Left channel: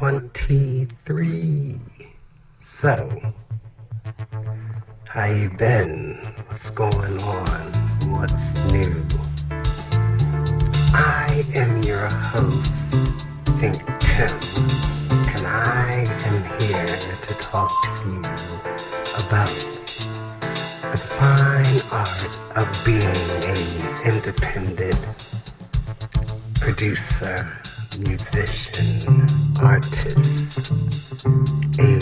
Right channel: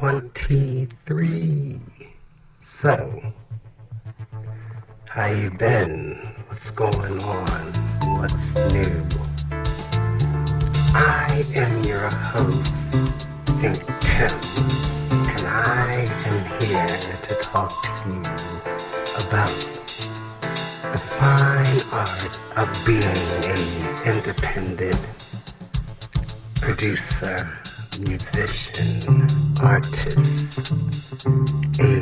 23. So, how you been? What's going on? What's new? I am your host, ThinkTimm, and I am here to talk to you about the fine art of being an independent producer, musician, artist, a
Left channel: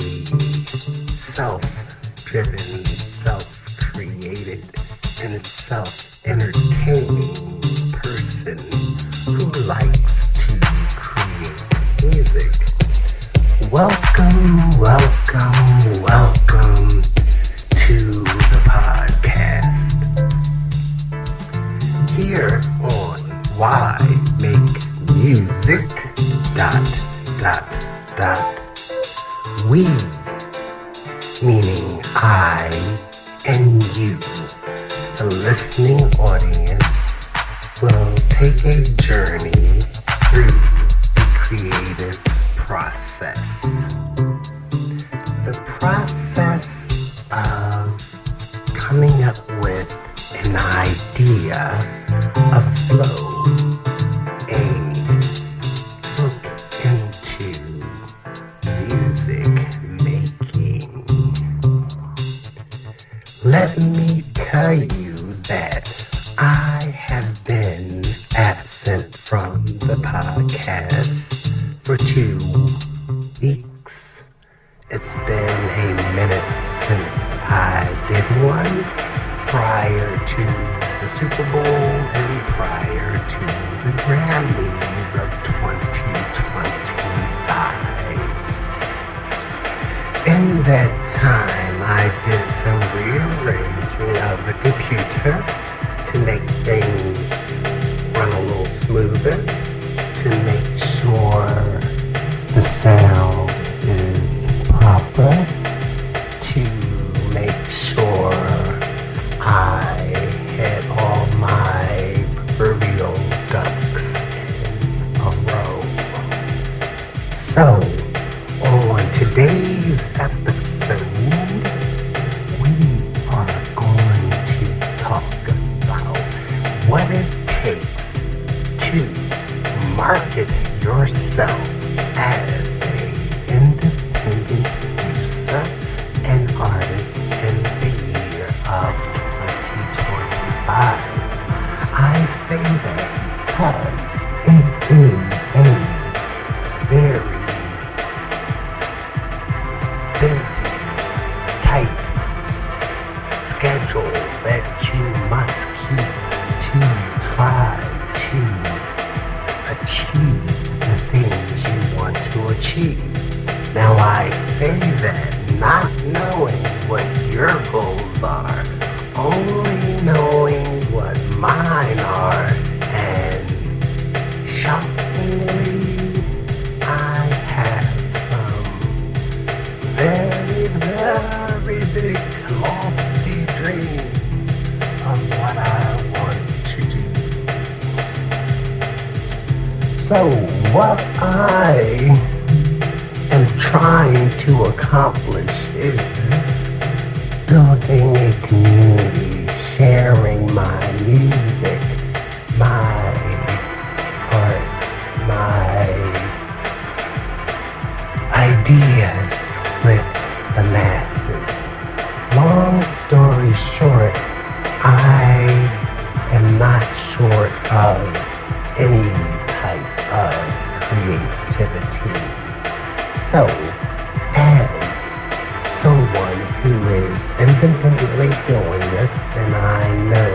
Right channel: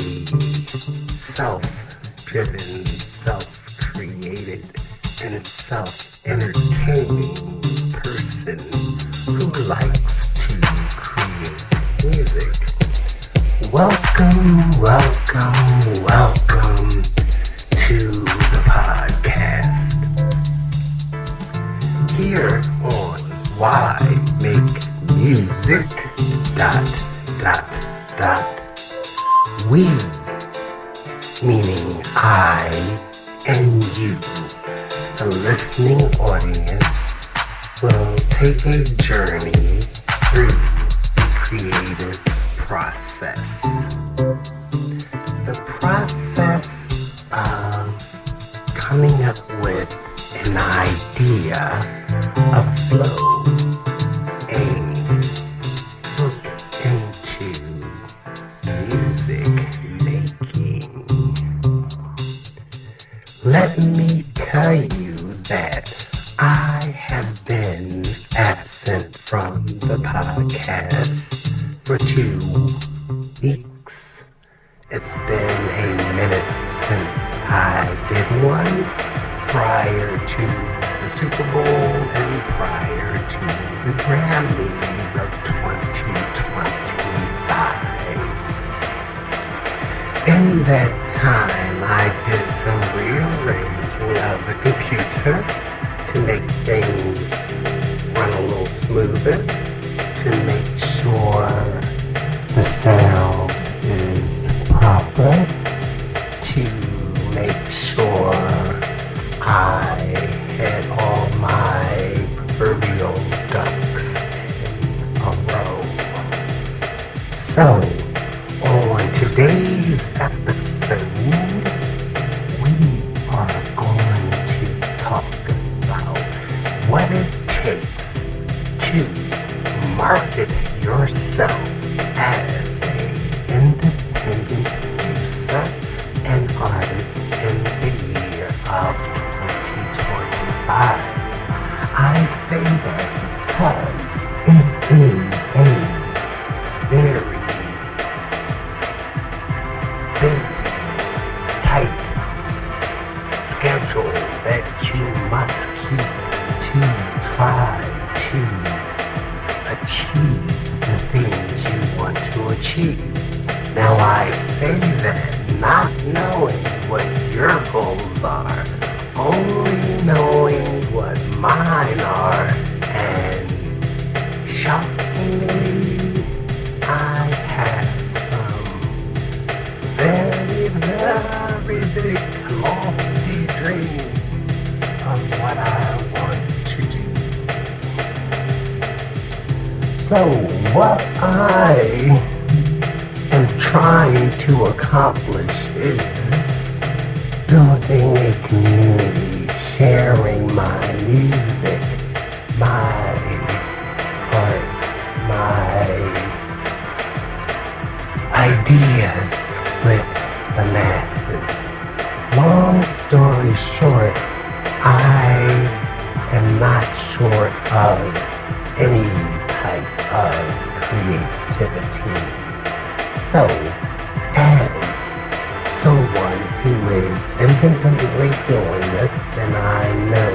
self-driven, self-created, and self-entertaining person who likes to create music. Welcome to the podcast. Here on Why Make Music, we, meaning I and you, the listening audience, will take a journey through the creative process. The process of coming up with an idea, a flow, a look into music making. Let me tell you that I have been absent from the podcast for 2 weeks. It's been a minute since I did one, prior to the Super Bowl and prior to the Grammys of 2025. In that time, I did some rearranging of the computer to make things run a little smoother, to make sure the sound is proper, to make sure I had all my proverbial ducks in a row. So, on today's episode, we are going to talk about what it takes to market yourself as an independent producer and artist in the year of 2025. I say that because it is a very busy, tight schedule that you must keep to try to achieve the things you want to achieve. Now I say that not knowing what your goals are, only knowing what mine are, and shockingly, I have some very, very big, lofty dreams of what I want to do. So what I am trying to accomplish is building a community, sharing my music, my art, my ideas with the masses. Long story short, I am not short of any type of creativity. So, as someone who is independently doing this, and I know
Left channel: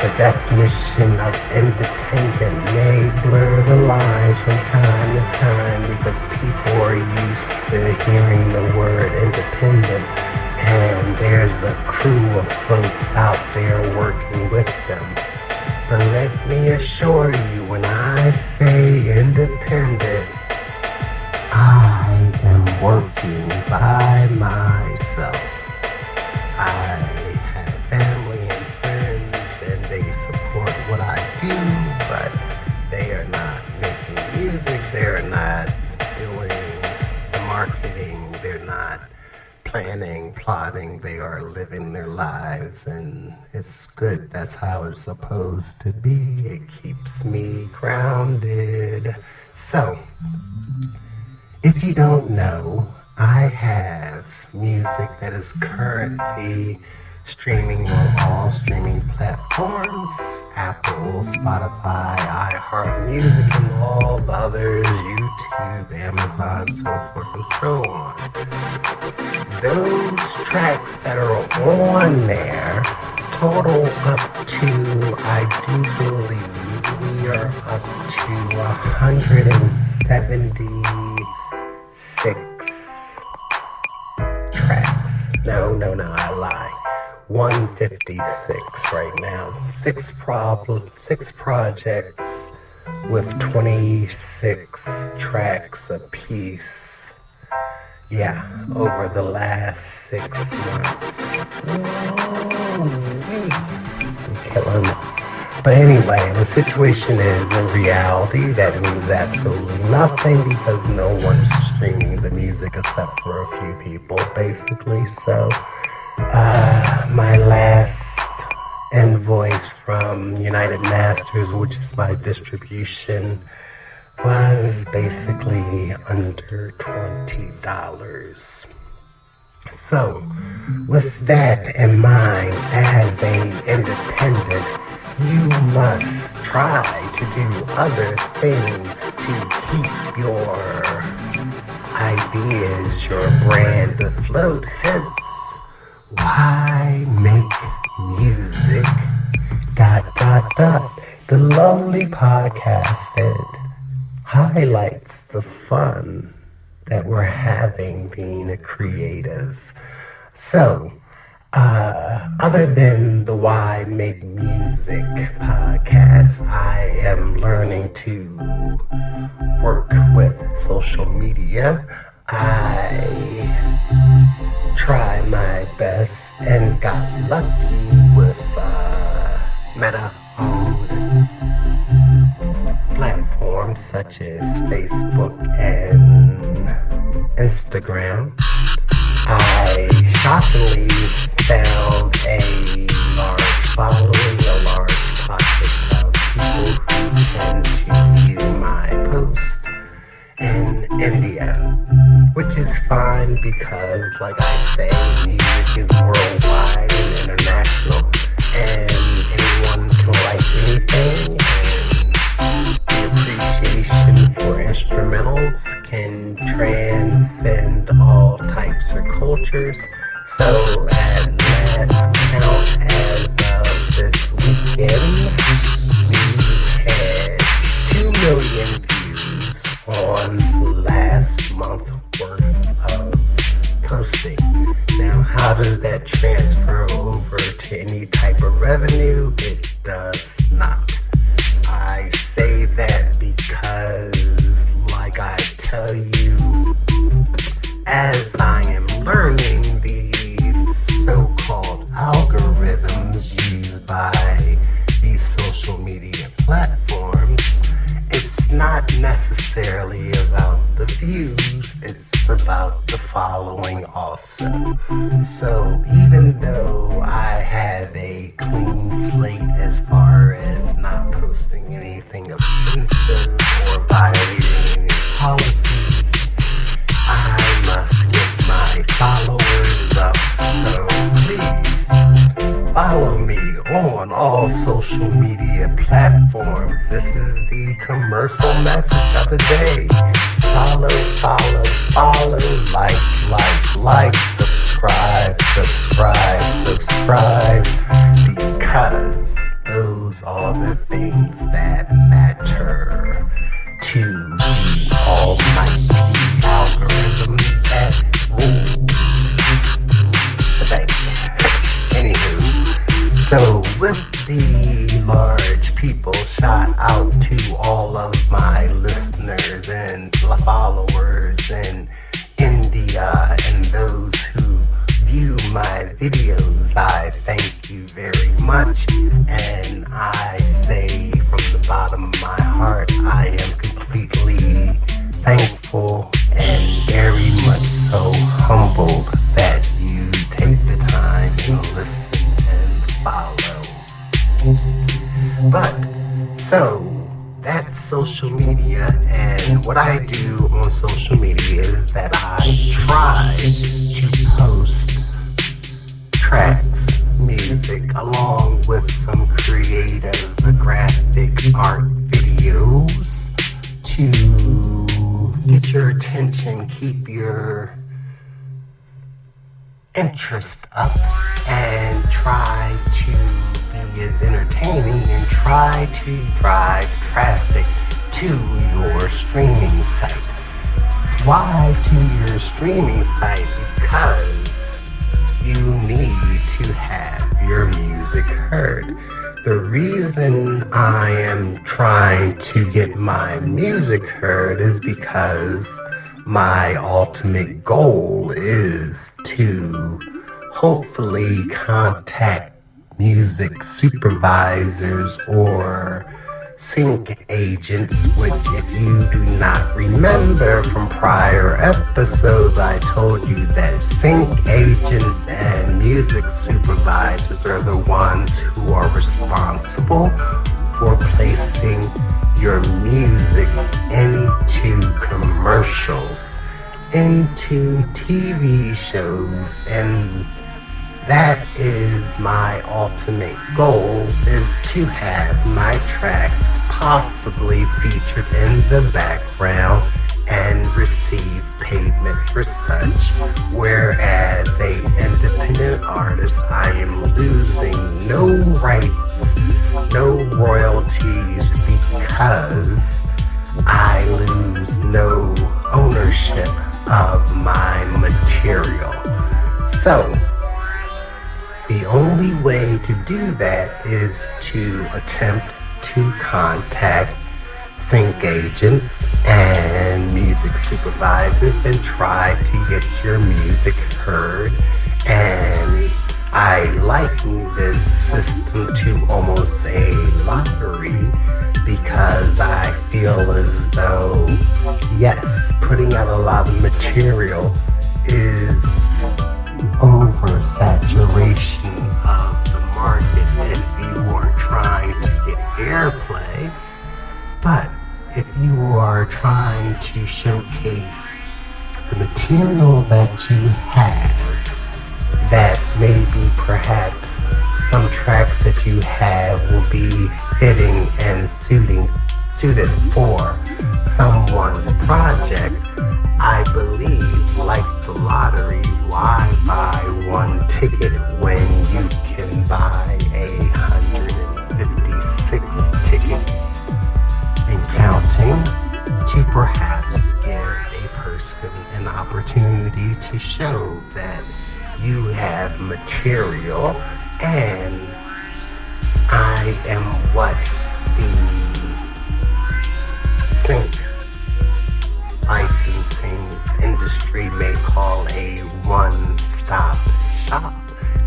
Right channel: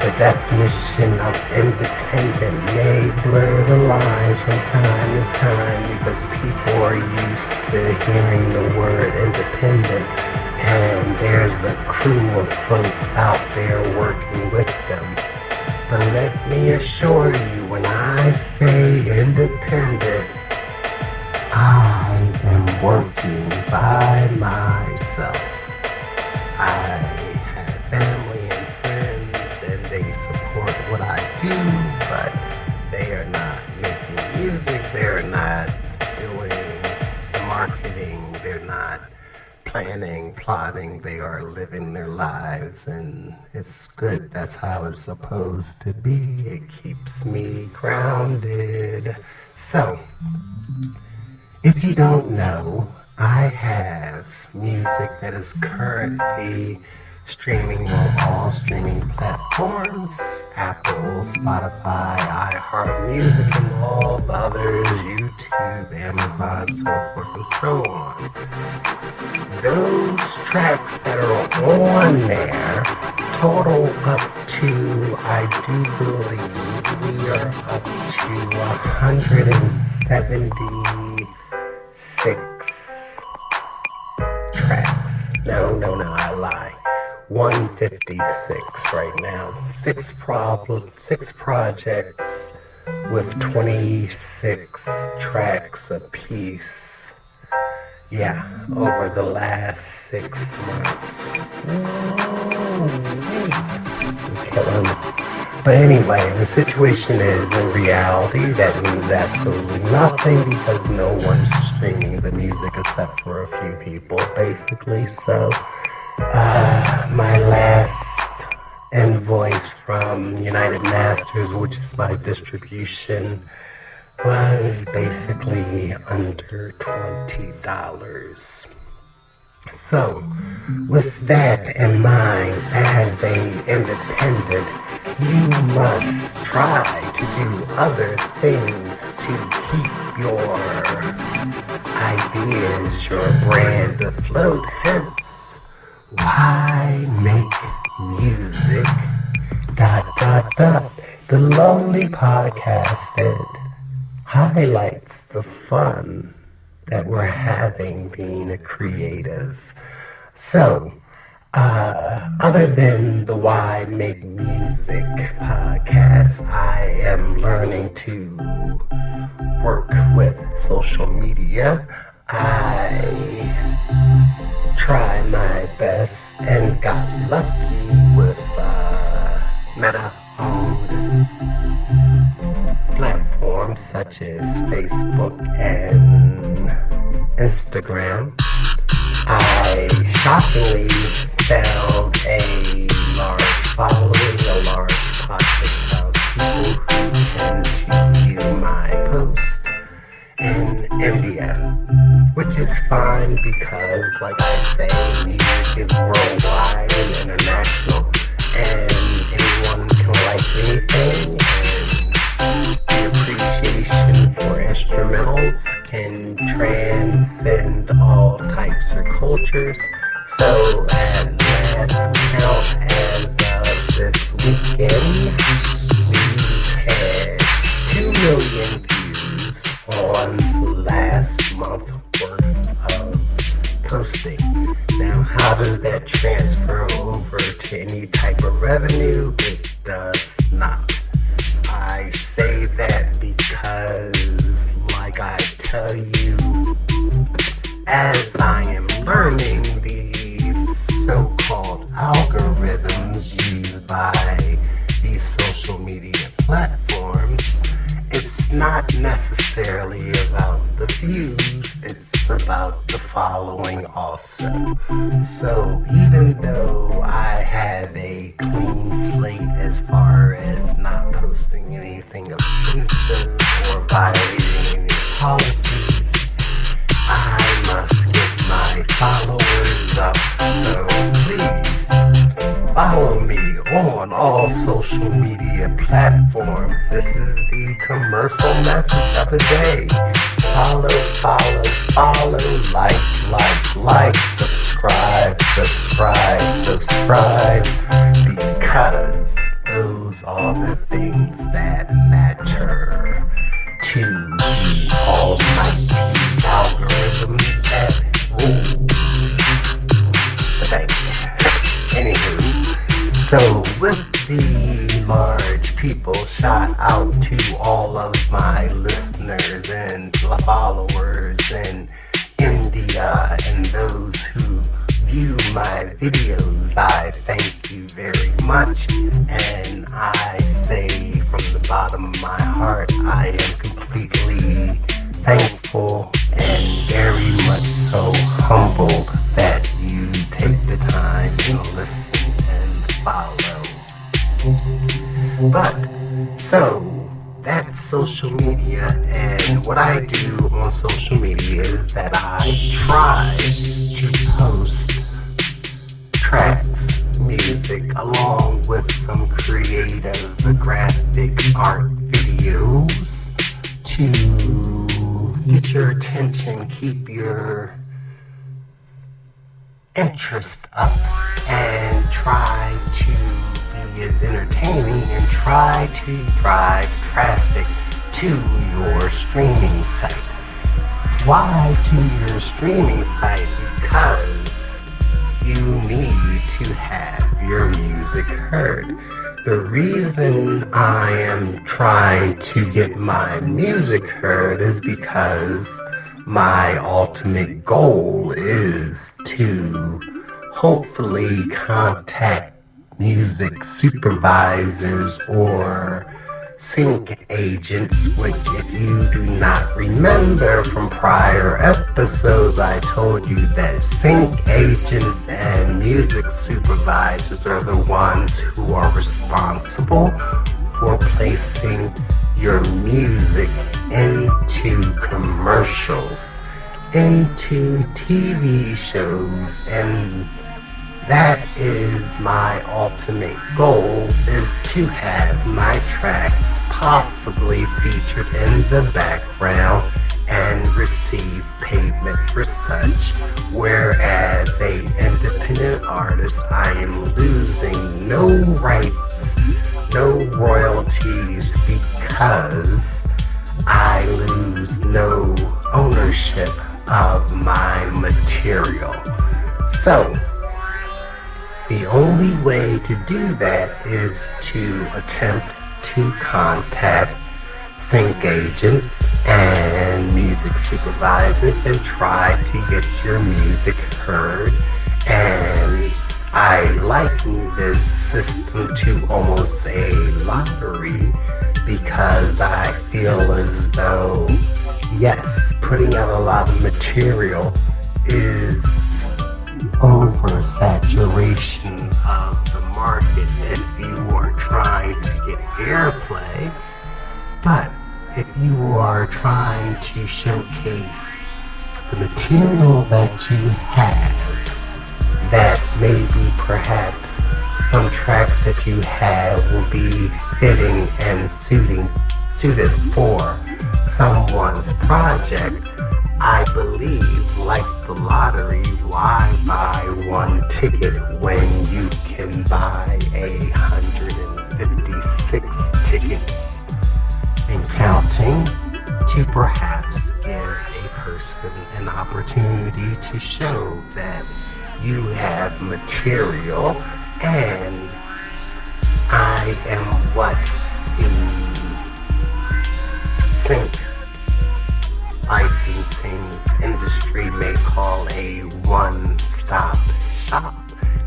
the definition of independent may blur the lines from time to time because people are used to hearing the word independent, and there's a crew of folks out there working with them. But let me assure you, when I say independent, I am working by myself. I have family and friends, and they support what I do, but they are not making music. They're not doing the marketing, they're not planning, plotting, they are living their lives, and it's good. That's how it's supposed to be. It keeps me grounded. So, if you don't know, I have music that is currently streaming on all streaming platforms: Apple, Spotify, iHeartMusic, and all the others, YouTube, Amazon, so forth and so on. Those tracks that are on there total up to, I do believe, we are up to 176 tracks. No, I lie. 156 right now. Six projects with 26 tracks apiece. Yeah, over the last 6 months. I'm killing it. But anyway, the situation is, in reality, that means absolutely nothing because no one's streaming the music except for a few people, basically. So, my last invoice from United Masters, which is my distribution, was basically under $20. So, with that in mind, as an independent, you must try to do other things to keep your ideas, your brand afloat. Hence, why make music? ... The Lonely Podcasted highlights the fun that we're having being a creative. So, other than the Why Make Music podcast, I am learning to work with social media. I try my best and got lucky with Meta-owned platforms such as Facebook and Instagram. I shockingly found a large following, a large pocket of people who tend to view my posts in India, which is fine because, like I say, music is worldwide and international, and anyone can like anything, and the appreciation for instrumentals can transcend all types of cultures. So, as last count as of this weekend, we had 2 million views on last month's worth of posting. Now, how does that transfer over to any type of revenue? It does not. I say that because, like I tell you, as I am learning these so-called algorithms used by these social media platforms, it's not necessarily about the views, it's about the following also. So even though I have a clean slate as far as not posting anything offensive or violating any policies, I must get my followers up. So please follow me on all social media platforms. This is the commercial message of the day. Follow, like, subscribe, because those are the things that matter to the almighty algorithm that rules. Thank you. Anywho, so with the large people, shout out to all of my listeners and followers in India and those who view my videos. I thank you very much, and I say from the bottom of my heart, I am completely thankful and very much so humbled that you take the time to listen and follow. But, so, that's social media, and what I do on social media is that I try to post tracks, music, along with some creative graphic art videos to get your attention, keep your interest up, and try to be as entertaining and try to drive traffic to your streaming site. Why to your streaming site? Because you need to have your music heard. The reason I am trying to get my music heard is because my ultimate goal is to hopefully contact music supervisors or sync agents, which if you do not remember from prior episodes, I told you that sync agents and music supervisors are the ones who are responsible for placing your music into commercials, into TV shows, and that is my ultimate goal, is to have my tracks possibly featured in the background and receive payment for such, whereas a independent artist, I am losing no rights, no royalties, because I lose no ownership of my material. So, the only way to do that is to attempt to contact sync agents and music supervisors and try to get your music heard. And I liken this system to almost a lottery, because I feel as though, yes, putting out a lot of material is oversaturation of the market if you are trying to get airplay. But if you are trying to showcase the material that you have, that maybe perhaps some tracks that you have will be fitting and suited for someone's project, I believe, like the lottery, why buy one ticket when you can buy 156 tickets and counting, to perhaps give a person an opportunity to show that you have material, and I am what the sync licensing industry may call a one-stop shop,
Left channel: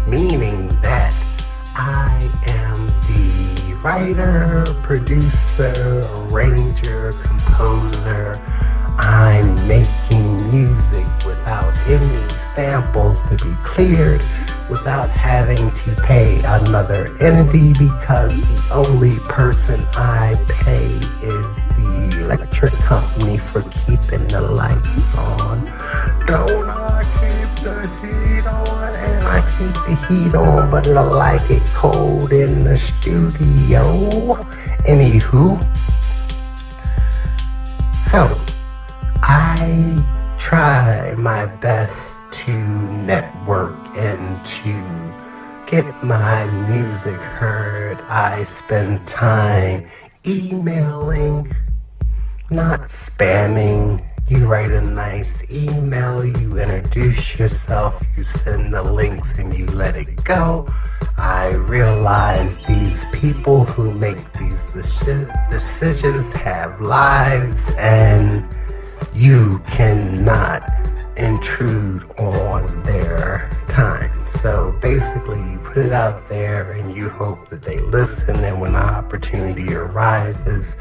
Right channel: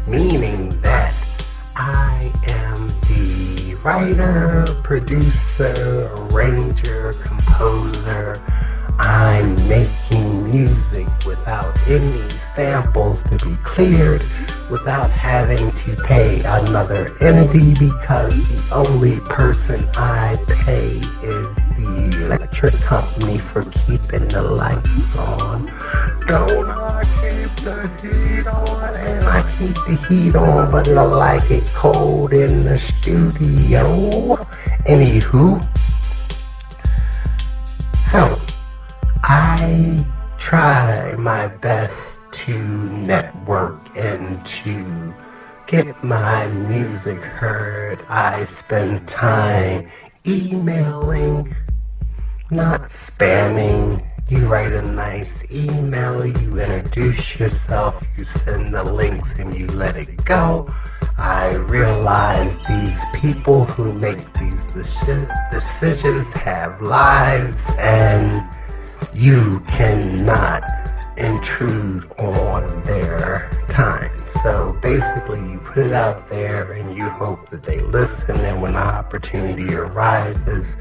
meaning that I am the writer, producer, arranger, composer. I'm making music without any samples to be cleared, without having to pay another entity, because the only person I pay is the electric company for keeping the lights on. Don't I keep the heat on? And I keep the heat on, but I like it cold in the studio. Anywho, so I try my best to network and to get my music heard. I spend time emailing, not spamming. You write a nice email, you introduce yourself, you send the links, and you let it go. I realize these people who make these decisions have lives, and you cannot intrude on their time. So basically, you put it out there and you hope that they listen, and when the opportunity arises,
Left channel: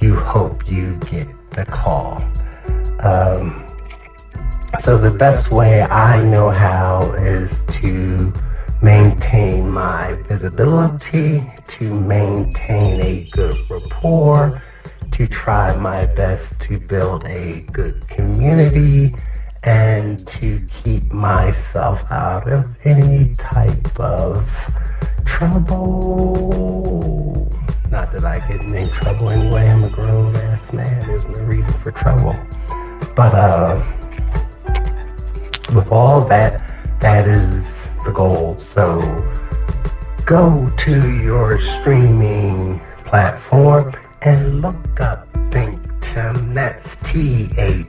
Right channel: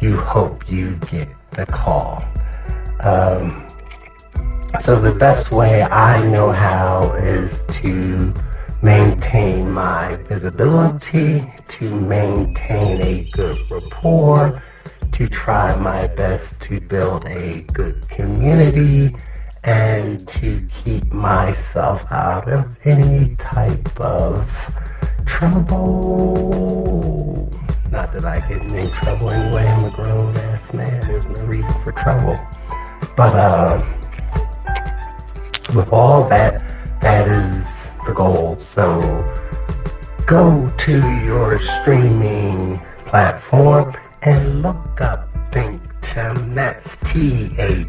you hope you get the call. So the best way I know how is to maintain my visibility, to maintain a good rapport, to try my best to build a good community, and to keep myself out of any type of trouble. Not that I get in trouble anyway, I'm a grown ass man, there's no reason for trouble. But with all that, that is the goal. So go to your streaming platform and look up ThinkTimm. That's ThinkTimm.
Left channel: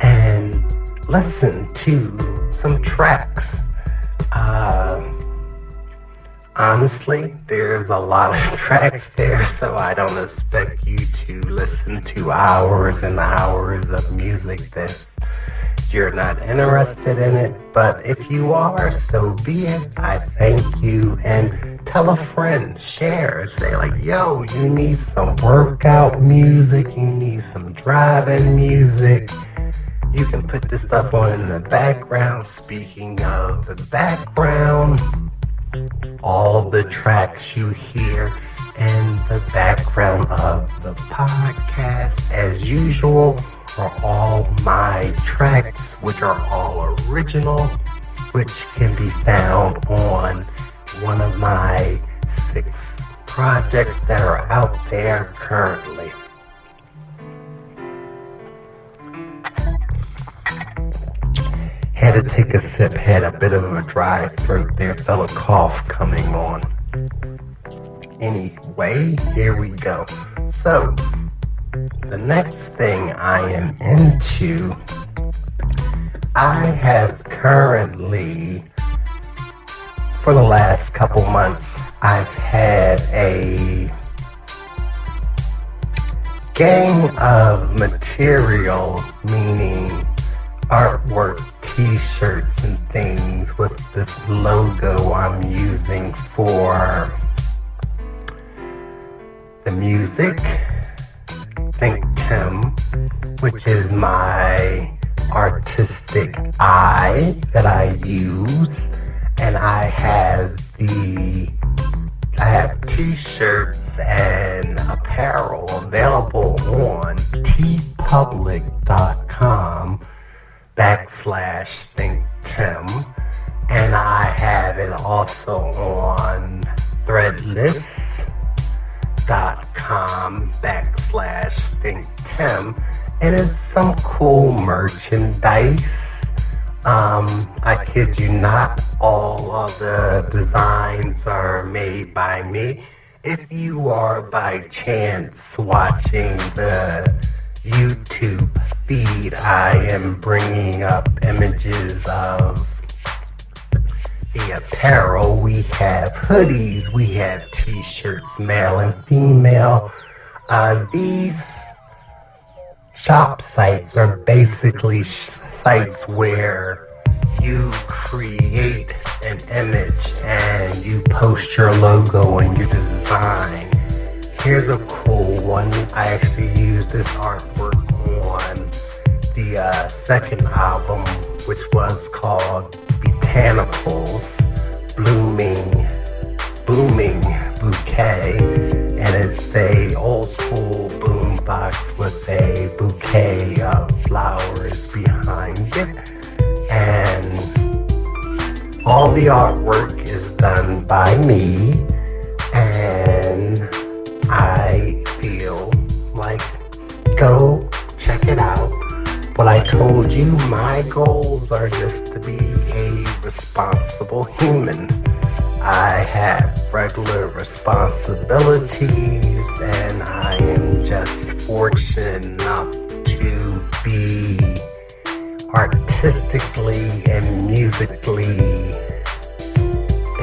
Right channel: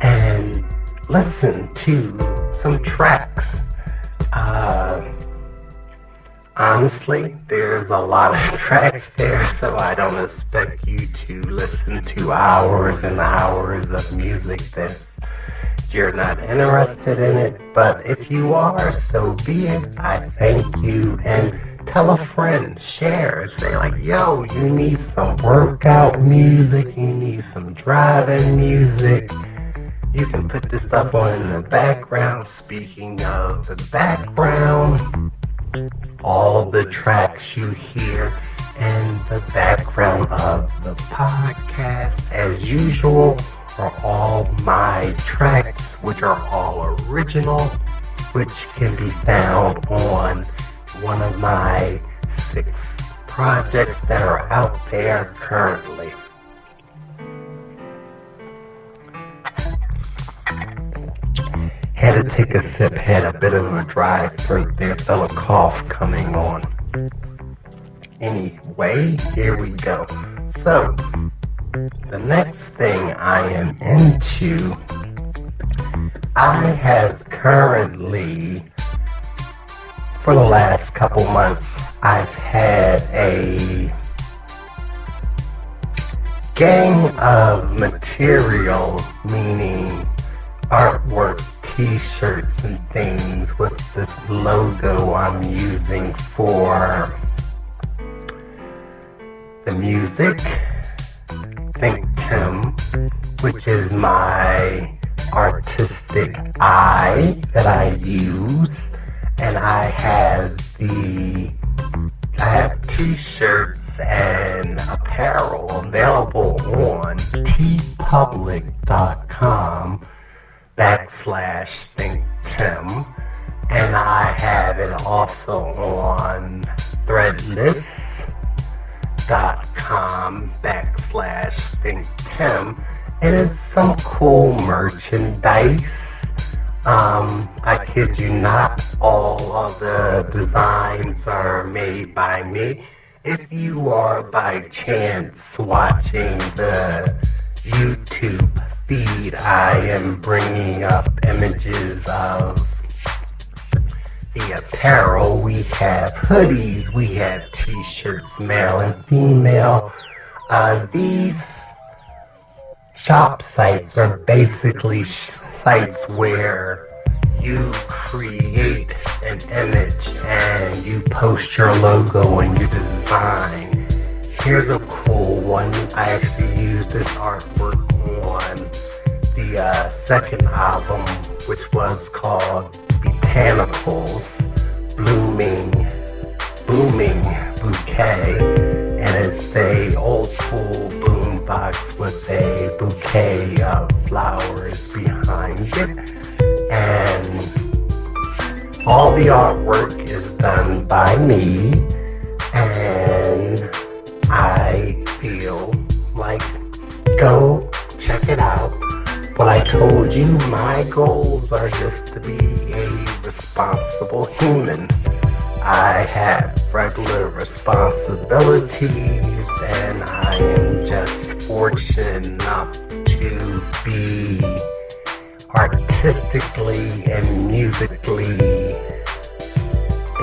And listen to some tracks. Honestly, there's a lot of tracks there, so I don't expect you to listen to hours and hours of music that you're not interested in it. But if you are, so be it. I thank you. And tell a friend, share, say like, yo, you need some workout music, you need some driving music. You can put this stuff on in the background. Speaking of the background, all the tracks you hear in the background of the podcast, as usual, are all my tracks, which are all original, which can be found on one of my 6 projects that are out there currently. Had to take a sip, had a bit of a dry throat there, felt a cough coming on. Anyway, here we go. So, the next thing I am into, I have currently, for the last couple months, I've had a gang of material, meaning artwork, t-shirts and things with this logo I'm using for the music, ThinkTimm, which is my artistic eye that I use, and I have t-shirts and apparel available on tpublic.com/ThinkTimm, and I have it also on threadless.com/ThinkTimm. It is some cool merchandise. I kid you not, all of the designs are made by me. If you are by chance watching the YouTube feed, I am bringing up images of the apparel. We have hoodies, we have t-shirts, male and female. These shop sites are basically sites where you create an image and you post your logo and your design. Here's a cool one. I actually used this artwork on the second album, which was called Botanicals Blooming Bouquet, and it's a old school boom box with a bouquet of flowers behind it, and all the artwork is done by me, and I feel like go check it out. But I told you my goals are just to be a responsible human. I have regular responsibilities, and I am just fortunate enough to be artistically and musically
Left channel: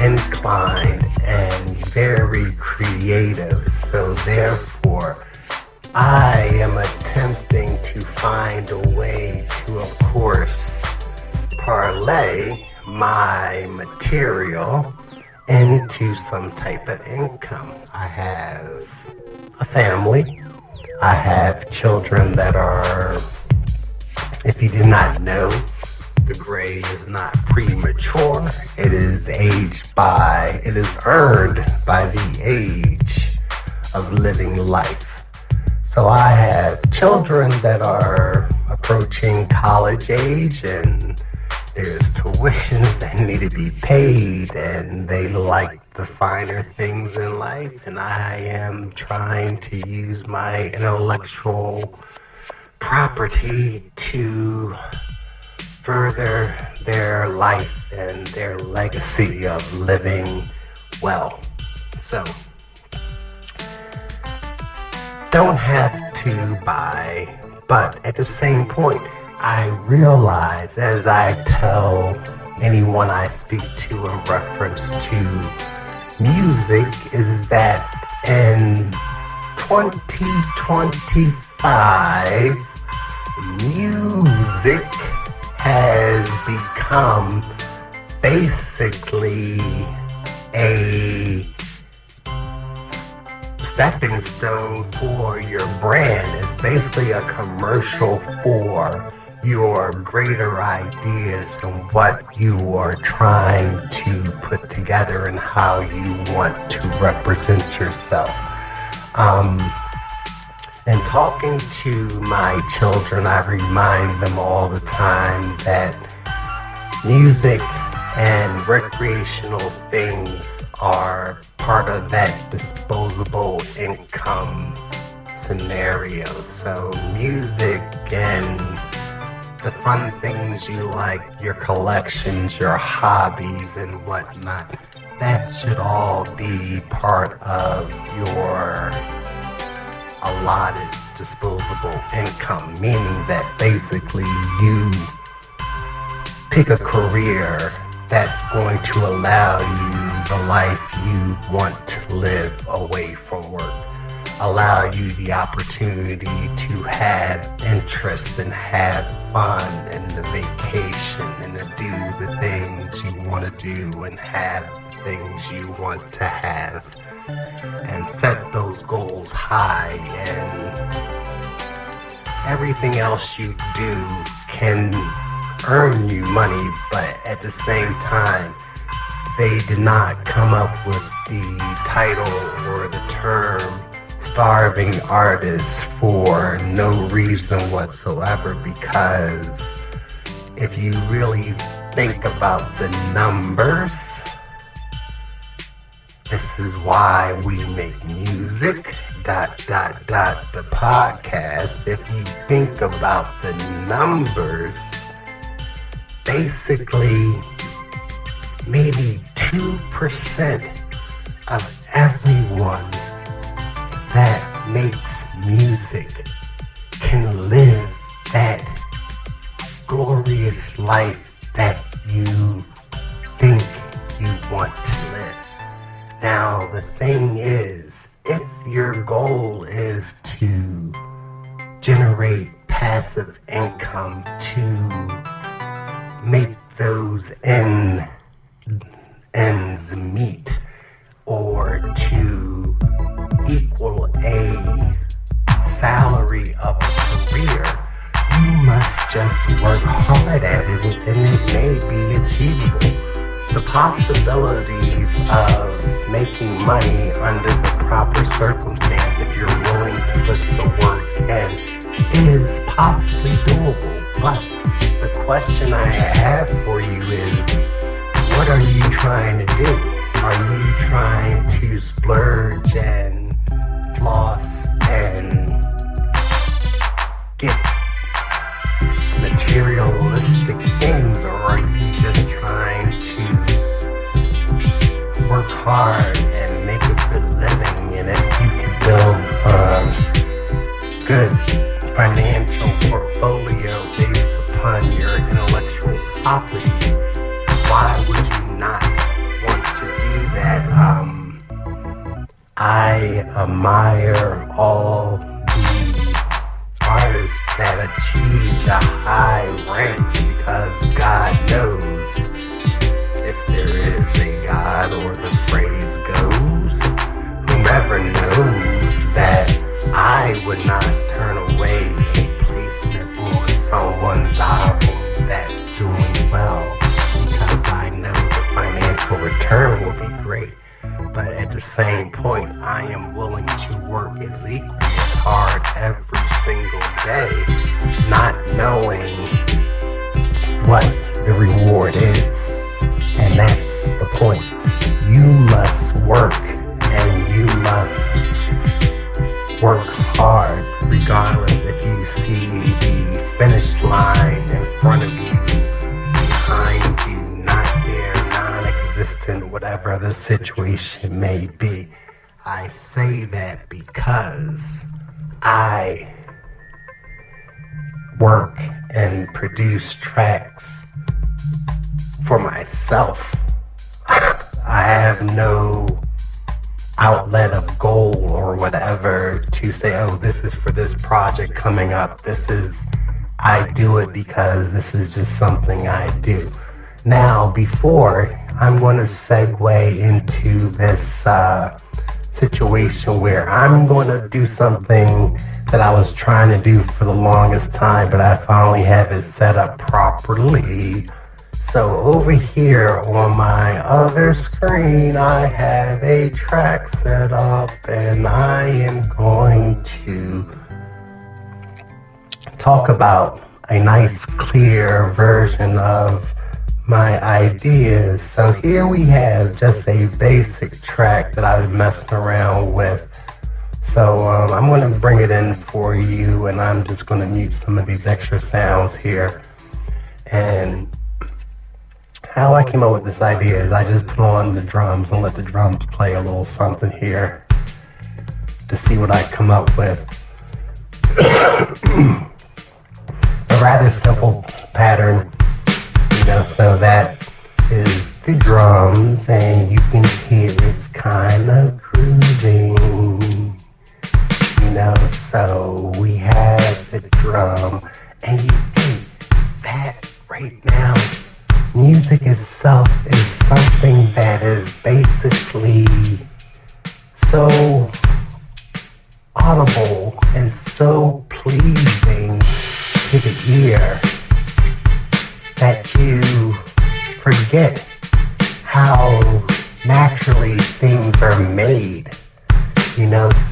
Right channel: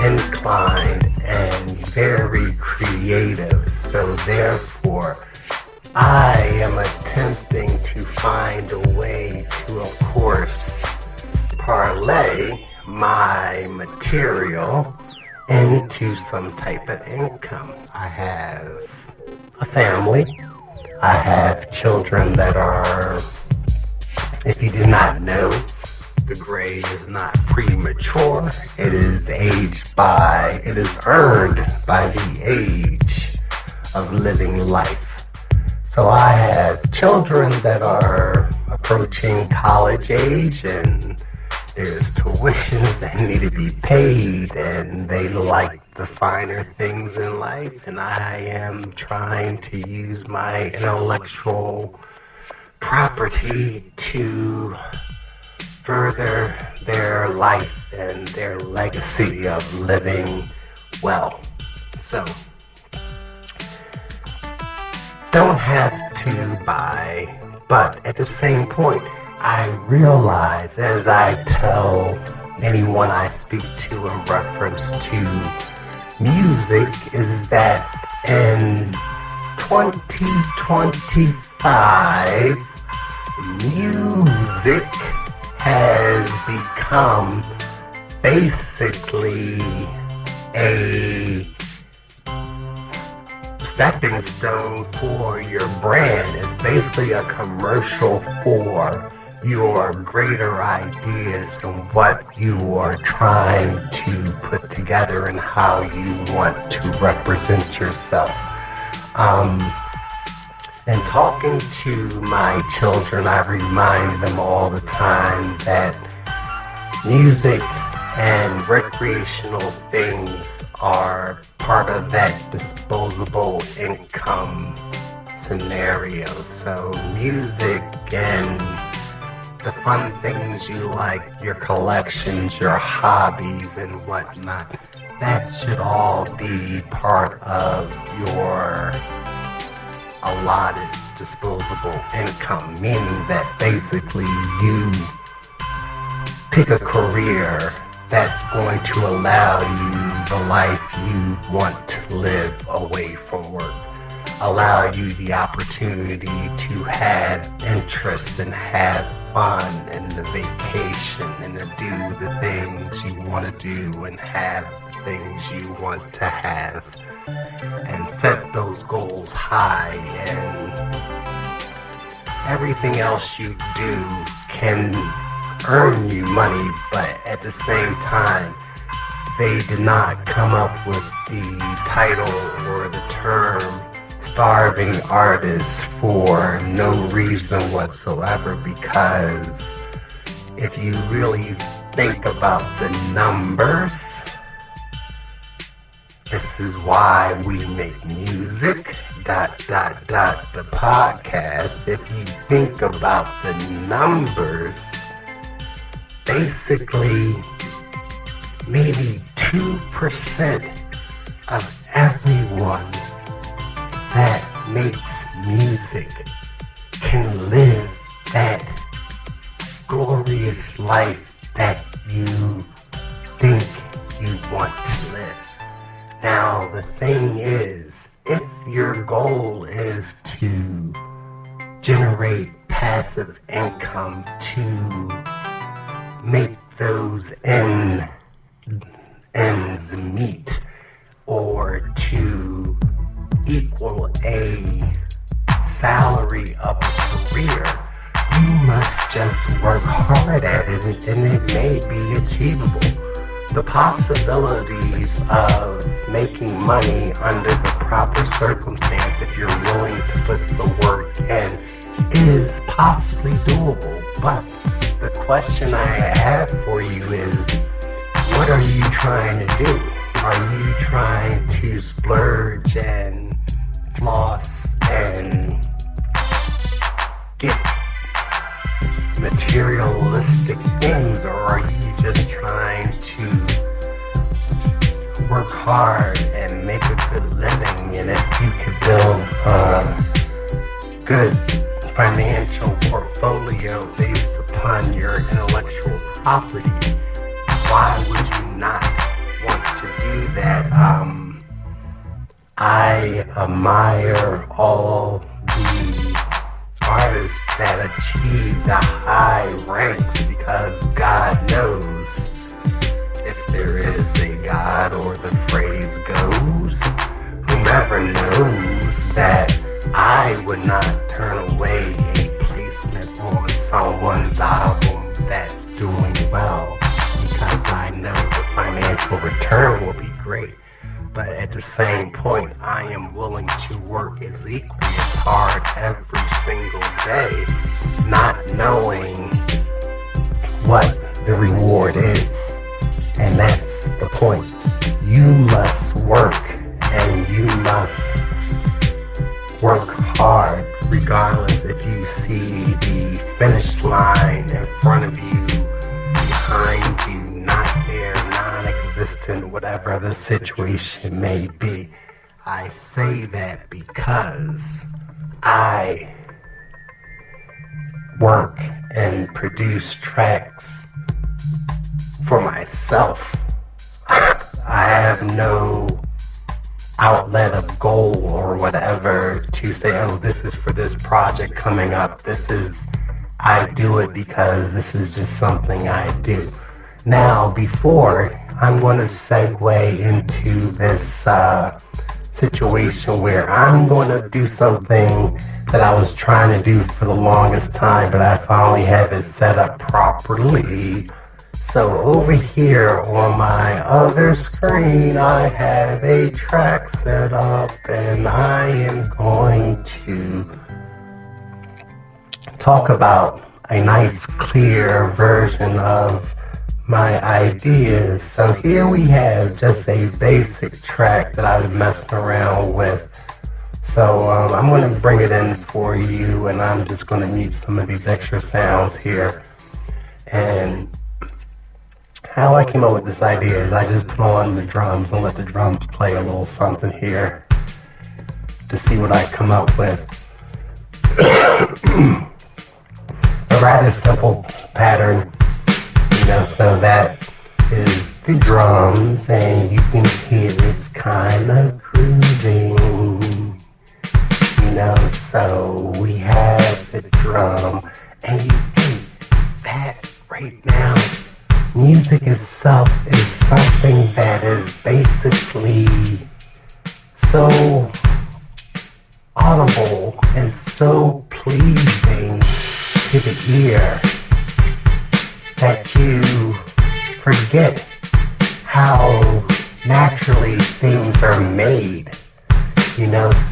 inclined and very creative. So therefore, I am attempting to find a way to, of course, parlay my material into some type of income. I have a family. I have children that are, if you did not know, the gray is not premature. It is earned by the age of living life. So I have children that are approaching college age, and there's tuitions that need to be paid, and they like the finer things in life, and I am trying to use my intellectual property to further their life and their legacy of living well. So, don't have to buy, but at the same point, I realize, as I tell anyone I speak to in reference to music, is that in 2025, music has become basically a stepping stone for your brand. It's basically a commercial for your greater ideas and what you are trying to put together and how you want to represent yourself. And talking to my children, I remind them all the time that music and recreational things are part of that disposable income scenario. So music and the fun things you like, your collections, your hobbies and whatnot, that should all be part of your allotted disposable income, meaning that basically you pick a career that's going to allow you the life you want to live away from work, allow you the opportunity to have interests and have fun and the vacation and to do the things you want to do and have the things you want to have, and set those goals high, and everything else you do can earn you money, but at the same time, they did not come up with the title or the term starving artist for no reason whatsoever, because if you really think about the numbers, this is why we make music, the podcast. If you think about the numbers, basically maybe 2% of everyone that makes music can live that glorious life that you think you want to live. Now, the thing is, if your goal is to generate passive income to make those ends meet, or to equal a salary of a career, you must just work hard at it, and it may be achievable. The possibilities of making money under the proper circumstance, if you're willing to put the work in, is possibly doable. But the question I have for you is, what are you trying to do? Are you trying to splurge and floss and get materialistic things, or are you just trying to work hard and make a good living? And if you can build a good financial portfolio based upon your intellectual property, why would you not want to do that? I admire all would not turn away a placement on someone's album that's doing well, because I know the financial return will be great. But at the same point, I am willing to work as equally as hard every single day, not knowing what the reward is. And that's the point. You must work, and you must work hard regardless if you see the finish line in front of you, behind you, not there, non-existent, whatever the situation may be. I say that because I work and produce tracks for myself. I have no outlet of goal or whatever to say, oh, this is for this project coming up. I do it because this is just something I do. Now, before I'm going to segue into this situation where I'm going to do something that I was trying to do for the longest time, but I finally have it set up properly. So over here on my other screen, I have a track set up, and I am going to talk about a nice, clear version of my ideas. So here we have just a basic track that I've messed around with. So I'm going to bring it in for you, and I'm just going to mute some of these extra sounds here. And how I came up with this idea is I just put on the drums and let the drums play a little something here to see what I come up with. A rather simple pattern, so that is the drums, and you can hear it's kind of grooving, so we have the drum, and you think that right now, music itself is something that is basically so audible and so pleasing to the ear that you forget how naturally things are made,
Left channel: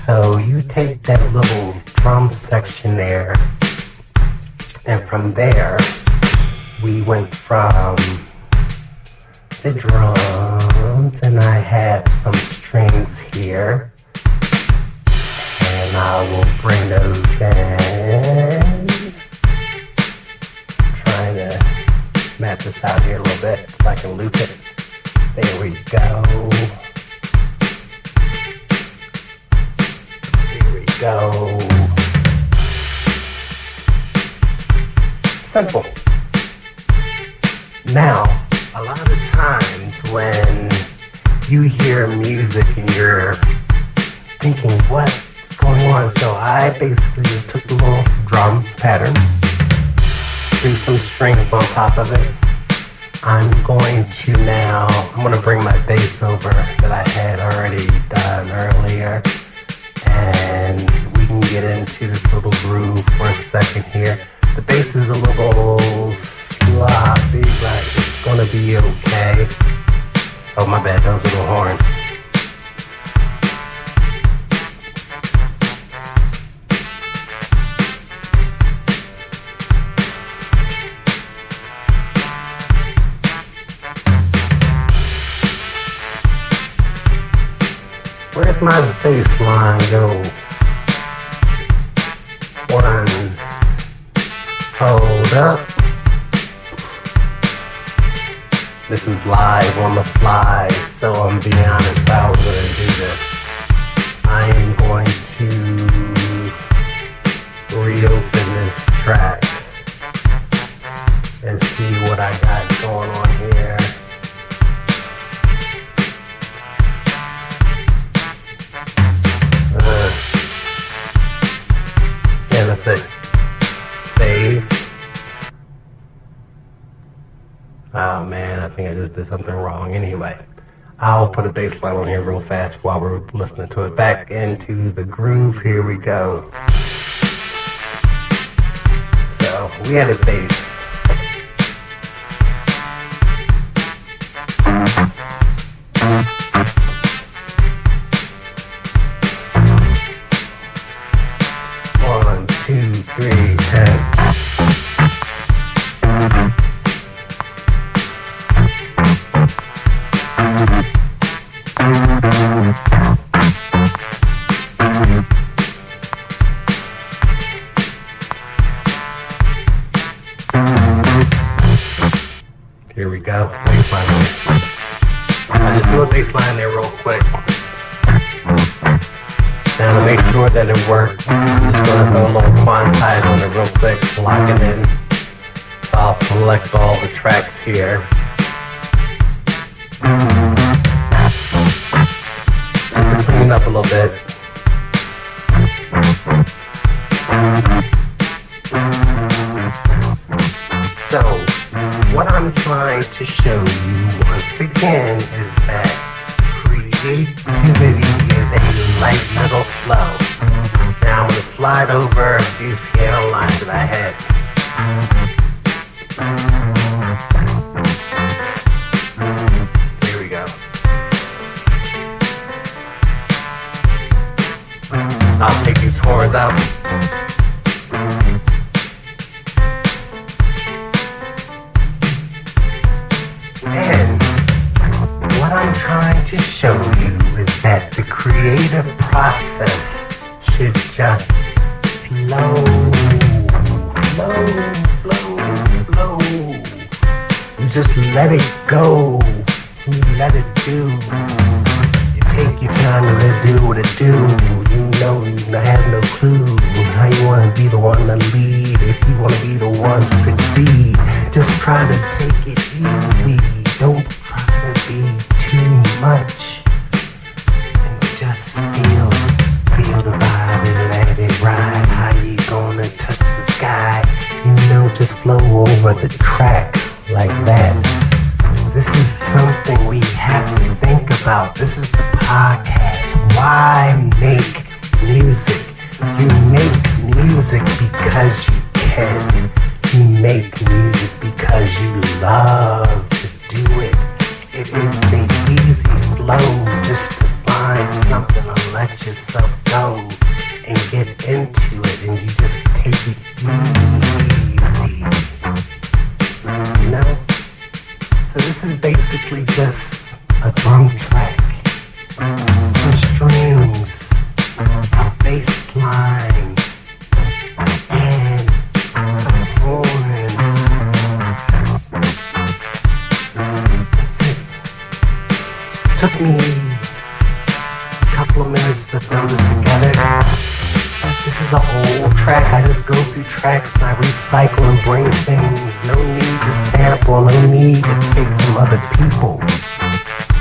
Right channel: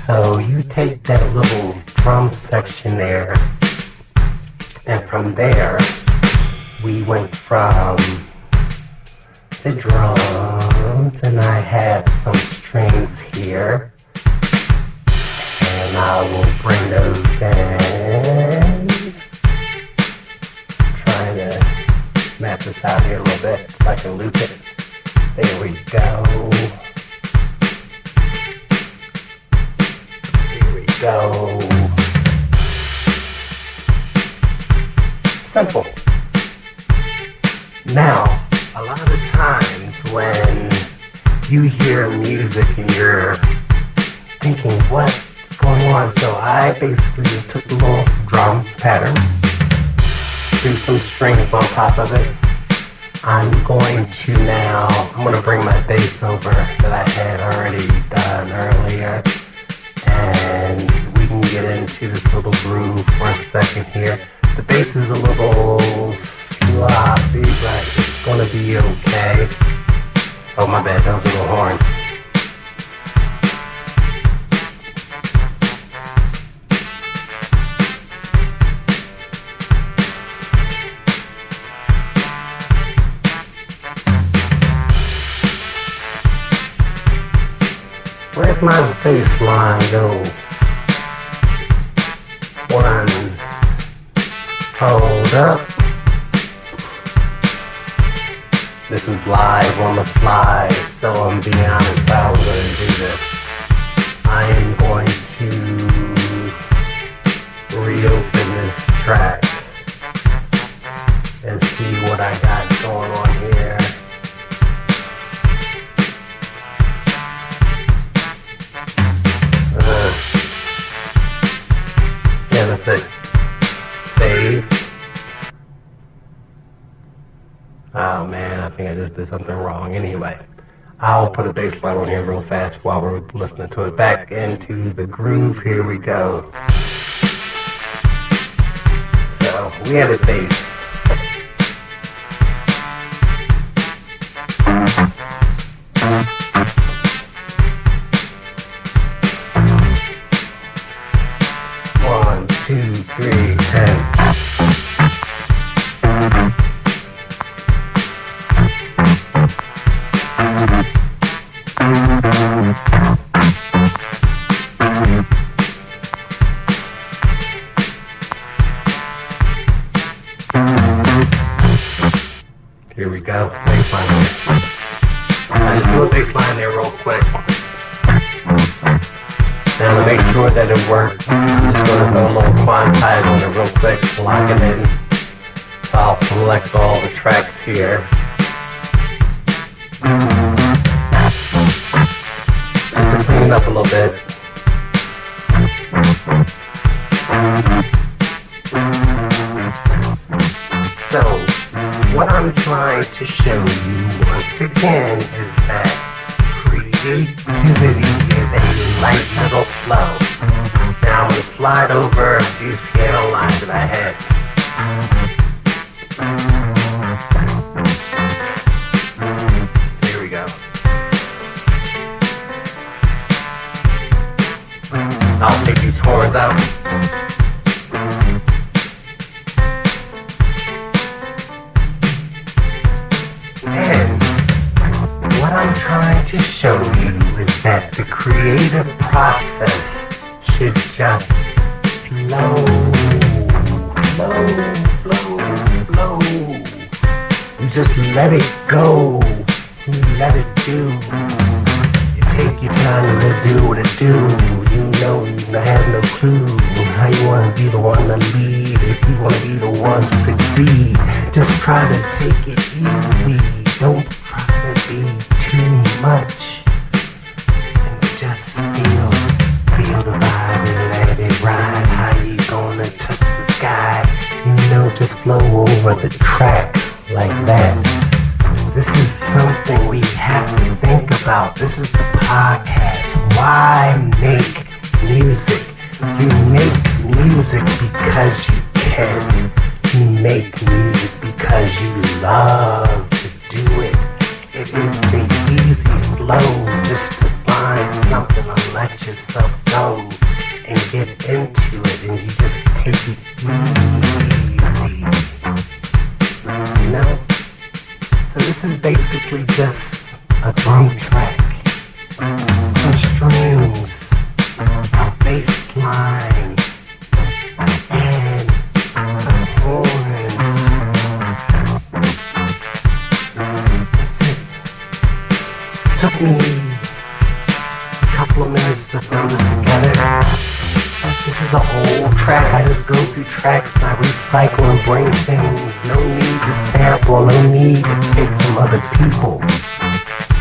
so you take that little drum section there, and from there we went from the drums, and I have some strings here, and I will bring those in. Trying to match this out here a little bit so I can loop it. There we go. Here we go. Simple. Now, a lot of times when you hear music and you're thinking, what's going on? So I basically just took the little drum pattern, threw some strings on top of it. I'm going to bring my bass over that I had already done earlier, and we can get into this little groove for a second here. The bass is a little sloppy, but it's gonna be okay. Oh, my bad, those are the horns. Where's my bass line go? One, hold up. This is live on the fly, so I'm being honest, I was going to do this. I am going to reopen this track and see what I got going on here. Yeah, that's it. Save. Oh man, I think I just did something wrong. Anyway, I'll put a bass line on here real fast while we're listening to it. Back into the groove. Here we go. We had a bass. One, two, three, and here we go. Baseline there. I'll just do a baseline there real quick. Now to make sure that it works, I'm just gonna throw a little quantize on it real quick, lock it in. So I'll select all the tracks here. Just to clean it up a little bit. So, what I'm trying to show you once again is that creativity is a light little flow. Now I'm going to slide over these piano lines that I had. Here we go. I'll take these horns out. And what I'm trying to show you is that the creative process should just flow. You just let it go. You let it do. You take your time to let it do what it do. You know you have no clue how you want to be the one to lead. If you want to be the one to succeed, just try to take it easy. Don't try to be too much. And just feel the vibe and let it ride. How you gonna touch the sky? You know, just flow over the track like that. This is something we have to think about. This is the podcast. Why make music? You make music because you can. You make music because you love to do it. It is an easy flow just to find something to let yourself go and get into it, and you just take it easy. You know? So this is basically just a drum track, some strings, a bass line, and some horns. Took me a couple of minutes to throw this together. This is an old track. I just go through tracks and I recycle and bring things. No need to sample, no need to take from other people.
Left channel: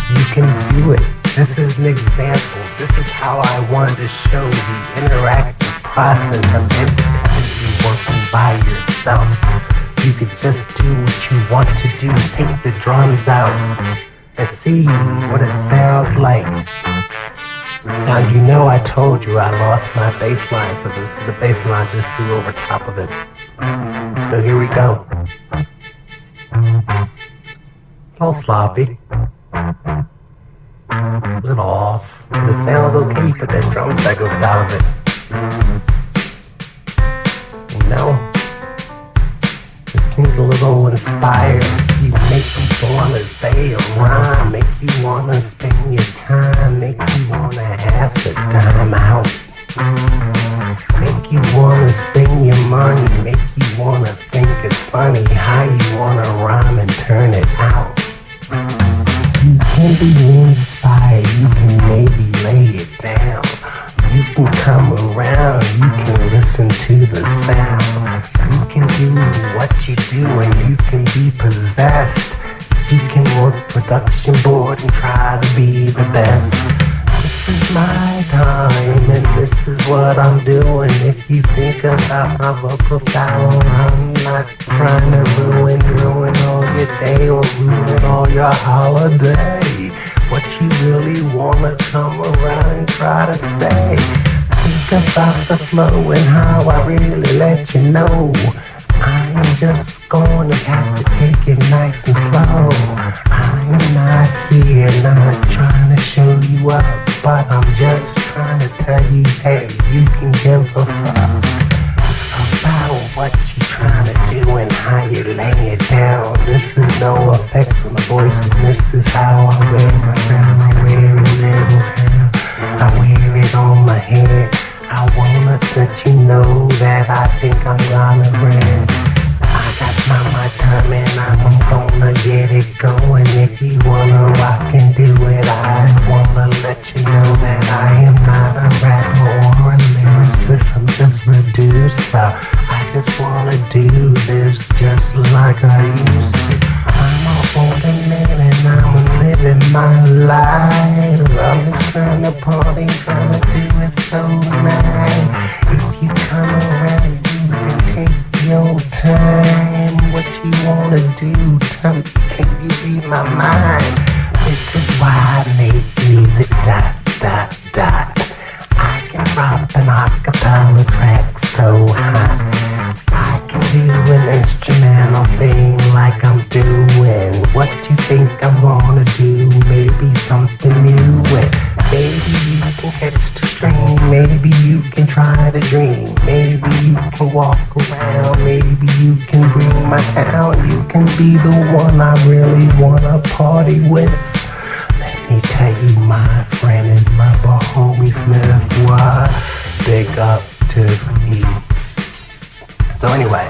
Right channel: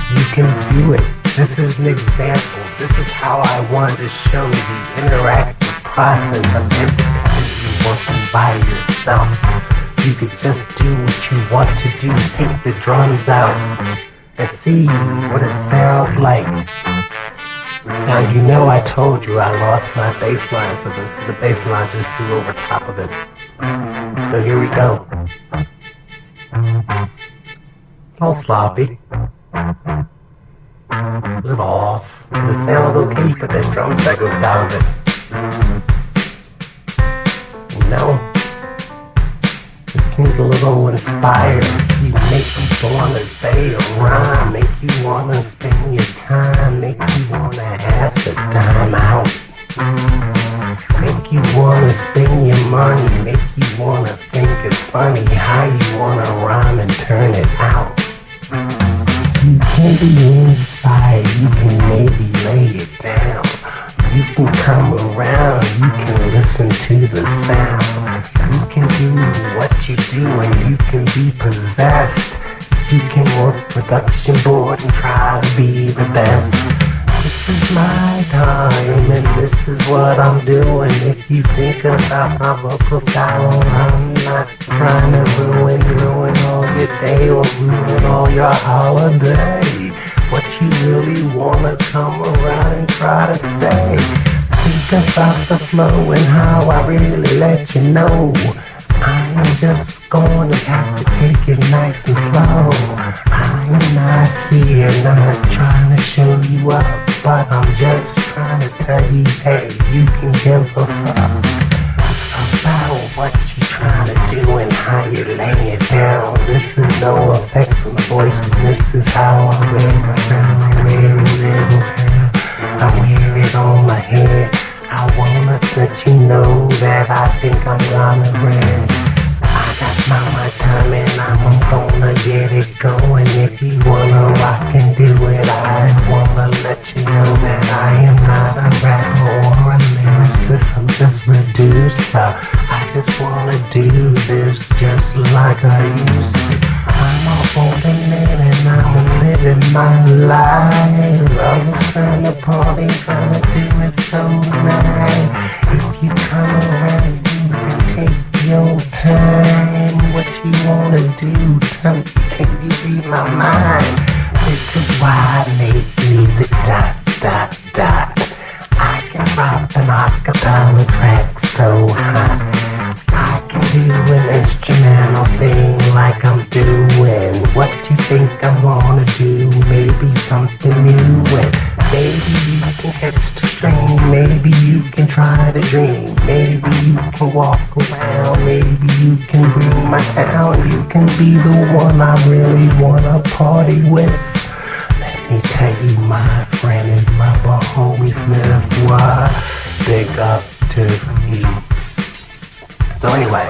You can do it. This is an example. This is how I wanted to show the interactive process of independently working by yourself. You could just do what you want to do. Take the drums out and see what it sounds like. Now you know I told you I lost my bass line, so the bass line just threw over top of it. So here we go. A little sloppy. A little off. But it sounds okay, you put that drum back over top of it. You know? It gets a little inspired. Make you wanna say a rhyme, make you wanna spend your time, make you wanna ask a dime out, make you wanna spend your money, make you wanna think it's funny how you wanna rhyme and turn it out. You can be inspired, you can maybe lay it down, you can come around, you can listen to the sound, you can do what you do and you can be possessed. You can work production board and try to be the best. This is my time and this is what I'm doing. If you think about my vocal style, I'm not trying to ruin all your day or ruin all your holiday. What you really wanna come around and try to say. Think about the flow and how I really let you know. I'm just gonna have to take it nice and slow. I'm not here, not trying to show you up, but I'm just trying to tell you, hey, you can give a fuck about what you're trying to do and how you lay it down. This is no effects on the voice, and this is how I wear my crown. I wear it little hair, I wear it on my head. I wanna let you know that I think I'm gonna win. I got my time and I'm gonna get it going. If you wanna rock and do it, I wanna let you know that I am not a rapper or a lyricist. I'm just a producer. I just wanna do this just like I used to. I'm a older man and I'm living my life. I was trying to party, trying to do it so nice. If you come around, you can take your time. What you wanna do, tell me, can you read my mind? This is why I make music, dot, dot, dot. I can rock an acapella track so hot. I can do an instrumental thing like I'm doing. What you think I'm gonna do? Maybe something new, and maybe you can catch the stream. Maybe you can try to dream. Maybe you can walk around. Maybe you can bring my town. You can be the one I really wanna party with. Let me tell you, my friend is my homie Smith. Why? Big up to you. So anyway,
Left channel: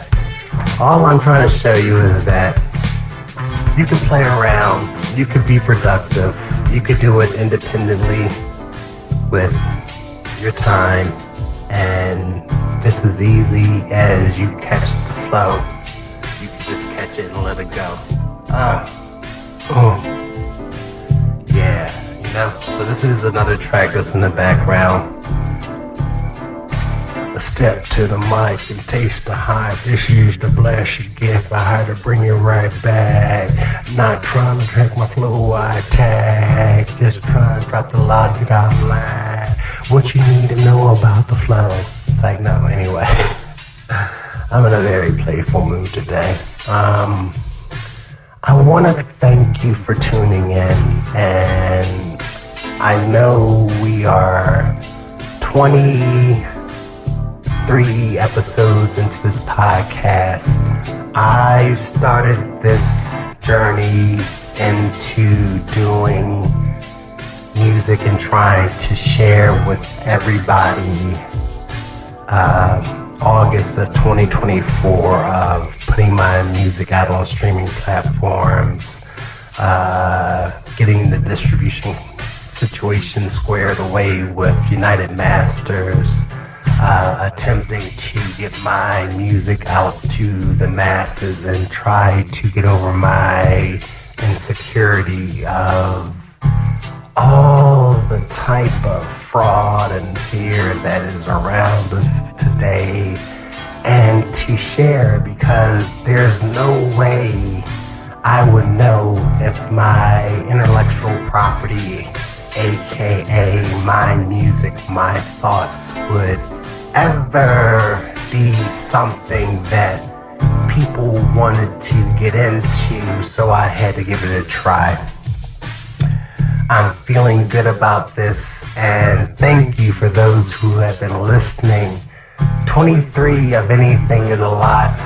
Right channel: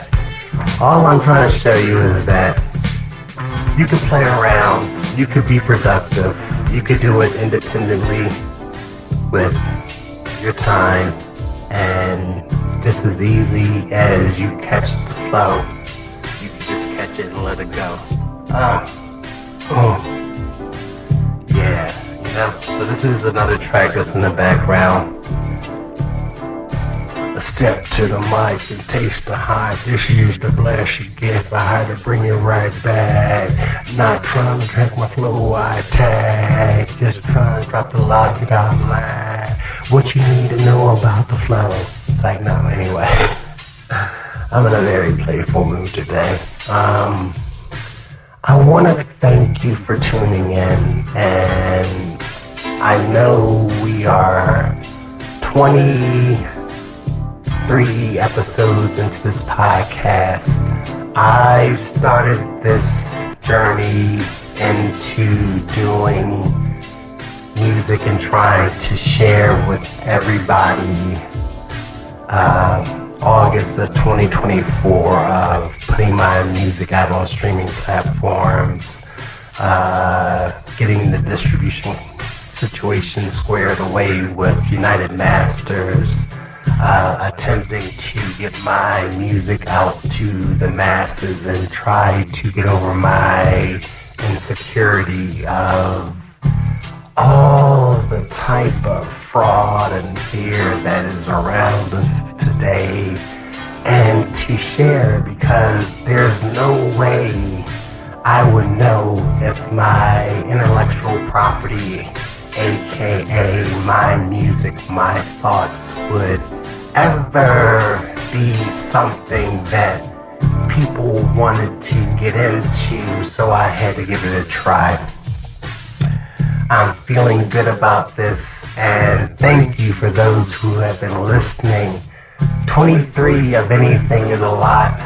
all I'm trying to show you is that you can play around, you could be productive, you could do it independently with your time, and just as easy as you catch the flow, you can just catch it and let it go. Yeah, you know, so this is another track that's in the background. A step to the mic and taste the hype. This is the blast you get. I had to bring it right back. Not trying to drink my flow, I attack. Just trying to drop the logic online. What you need to know about the flow. It's like, no, anyway. I'm in a very playful mood today. I want to thank you for tuning in. And I know we are 23 episodes into this podcast. I started this journey into doing music and trying to share with everybody August of 2024 of putting my music out on streaming platforms, getting the distribution situation squared away with United Masters, attempting to get my music out to the masses and try to get over my insecurity of all the type of fraud and fear that is around us today, and to share, because there's no way I would know if my intellectual property, aka my music, my thoughts, would ever be something that people wanted to get into, so I had to give it a try. I'm feeling good about this, and thank you for those who have been listening. 23 of anything is a lot.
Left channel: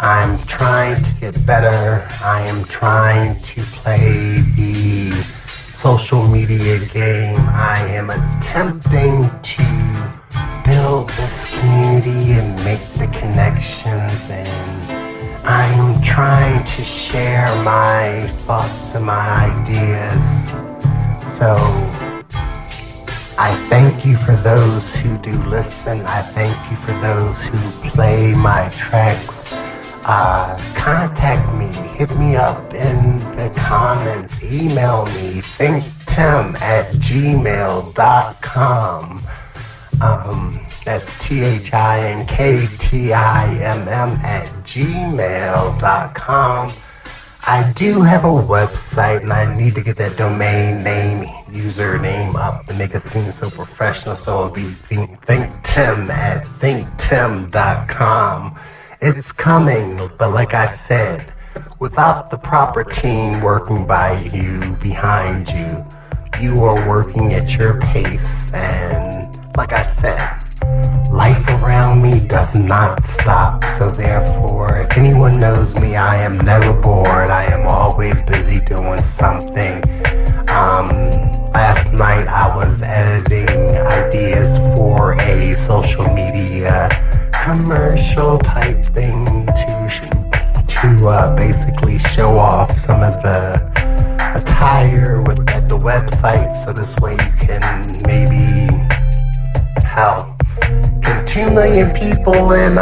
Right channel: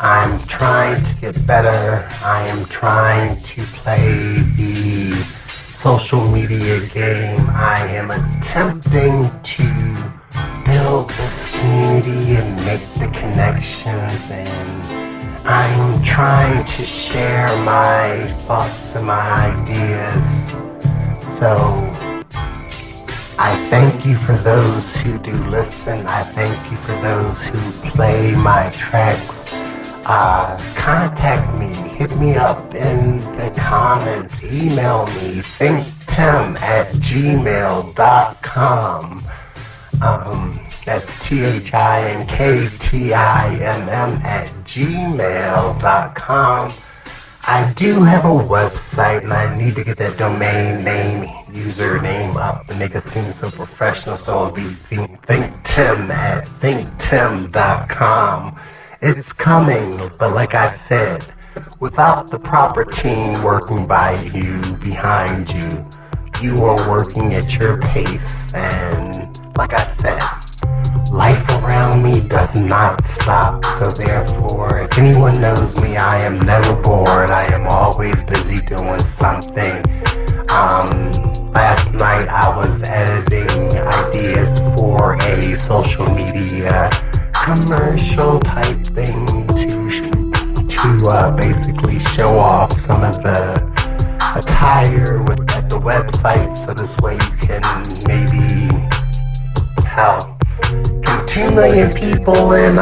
I'm trying to get better. I am trying to play the social media game. I am attempting to build this community and make the connections, and I'm trying to share my thoughts and my ideas. So I thank you for those who do listen. I thank you for those who play my tracks. Contact me, hit me up in the comments, email me, ThinkTimm@gmail.com. That's ThinkTimm@gmail.com. I do have a website, and I need to get that domain name, username up to make it seem so professional, so it'll be ThinkTimm@thinktimm.com. ThinkTimm.com. It's coming, but like I said, without the proper team working by you, behind you, you are working at your pace, and like I said, life around me does not stop. So therefore, if anyone knows me, I am never bored. I am always busy doing something. Last night I was editing ideas for a social media commercial type thing to basically show off some of the attire at the website, so this way you can maybe help. Can 2 million people in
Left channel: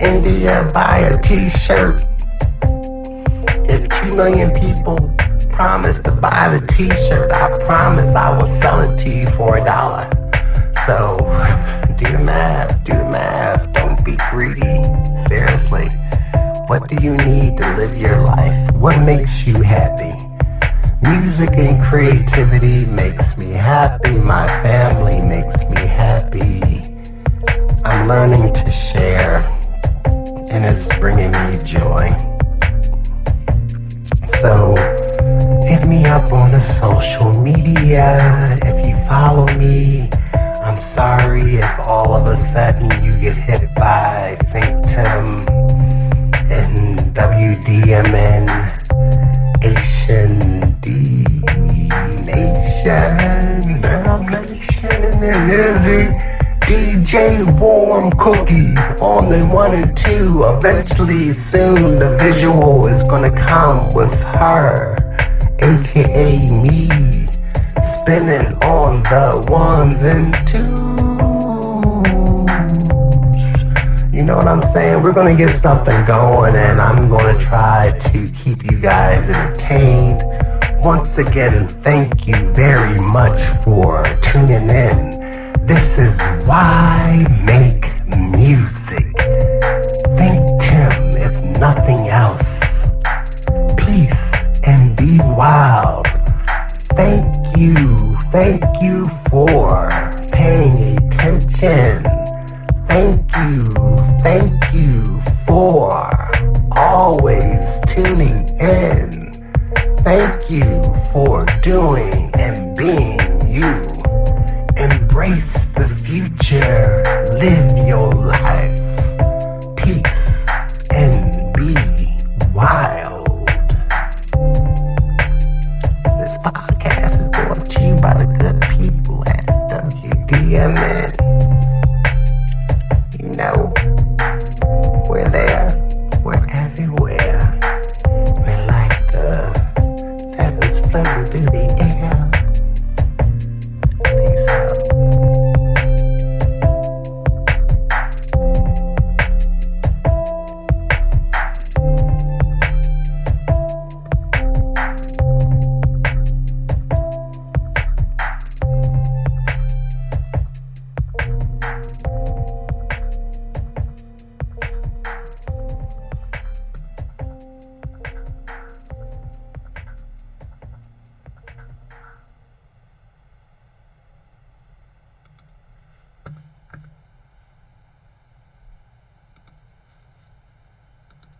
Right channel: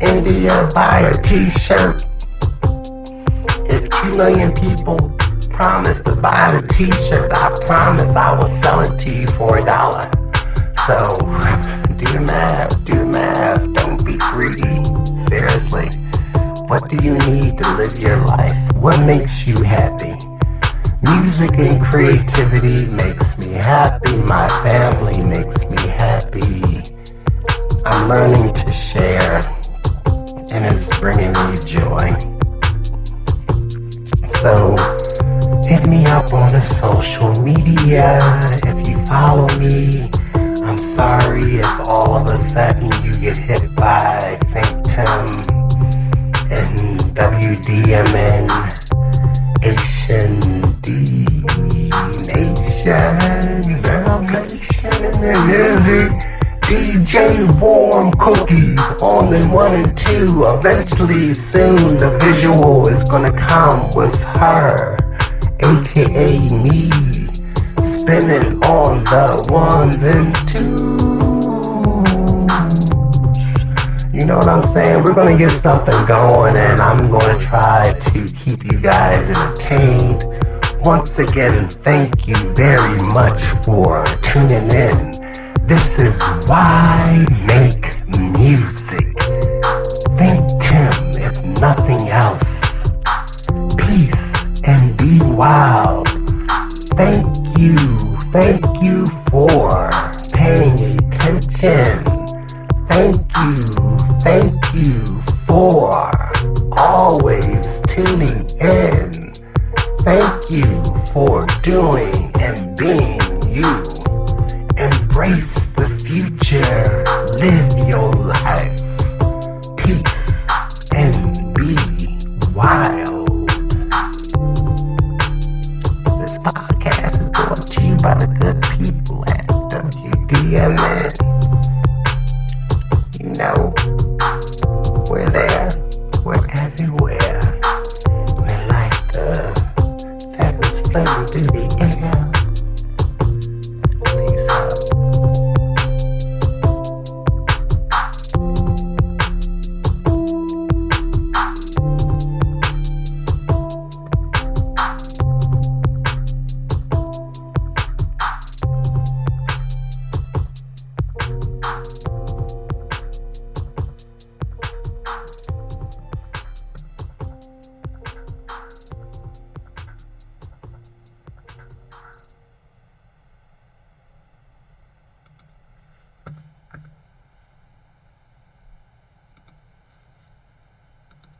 India buy a t-shirt? If 2 million people promise to buy the t-shirt, I promise I will sell it to you for $1. So do the math, don't be greedy. Seriously, what do you need to live your life? What makes you happy? Music and creativity makes me happy. My family makes me happy. I'm learning to share, and it's bringing me joy. So hit me up on the social media if you follow me. I'm sorry if all of a sudden you get hit by ThinkTimm and WDMN Asian D Nation, Girl Nation, and Izzy DJ Warm Cookie on the 1 and 2. Eventually, soon, the visual is gonna come with her, aka me, spinning on the 1s and 2s. You know what I'm saying? We're gonna get something going, and I'm gonna try to keep you guys entertained. Once again, thank you very much for tuning in. This is why make music. ThinkTimm, if nothing else. Peace and be wild. Thank you for paying attention. Thank you for always tuning in. Thank you for doing and being you. Embrace the future.